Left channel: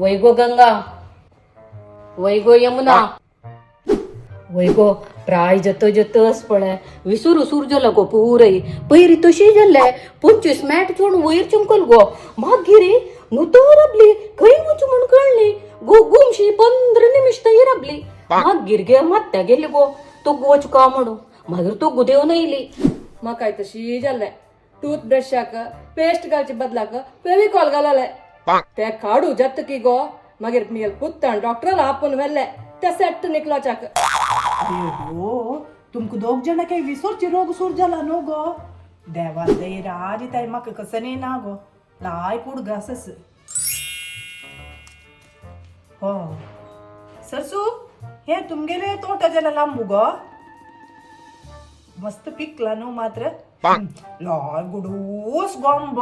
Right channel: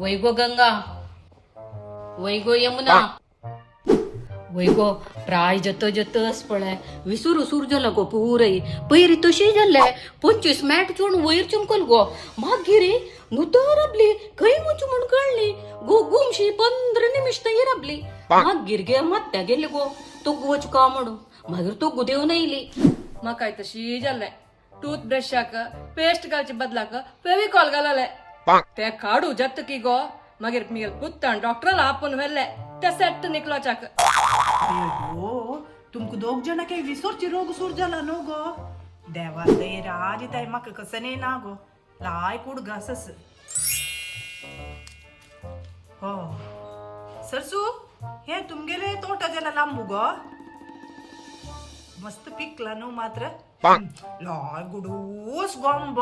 वै गो गंगा, वै गो यमुना, वै गो प्राय जत जतस पळय विसुर उसूर जल गो पुरई पैरी तशी जल्ले 25 मॅट चोण वयर चमकल गो मागिरी नुतो रबली खंय वचू म्हण कळली गो गुमशी 15 निमिष तई रबली मागीर गे मत्त्या गेली गो तो गोच का म्हणू मागीर तो गुदेव नयली म्हाकाय तशी जाल्लें टूथब्रशाक पेस्ट घालचे बदलाक फेविकॉल घालले ते काडू जत्तकी गो मागीर मिगेल कुत्तान डॉक्टराला आपून व्हेल्ले ते सेट निकलोचाक अयो तुमकां दोग जाणां काही विसरची रोग सूर जाला न्हू गो देवा दयेर आज ताय म्हाका कसं न्ही ना गो लाय कूड घासस हो सरसू हे तुमगेले तोटा जाला लांबू गो मस्त पिकला न्हू मात्र लाय गुडूस गोंब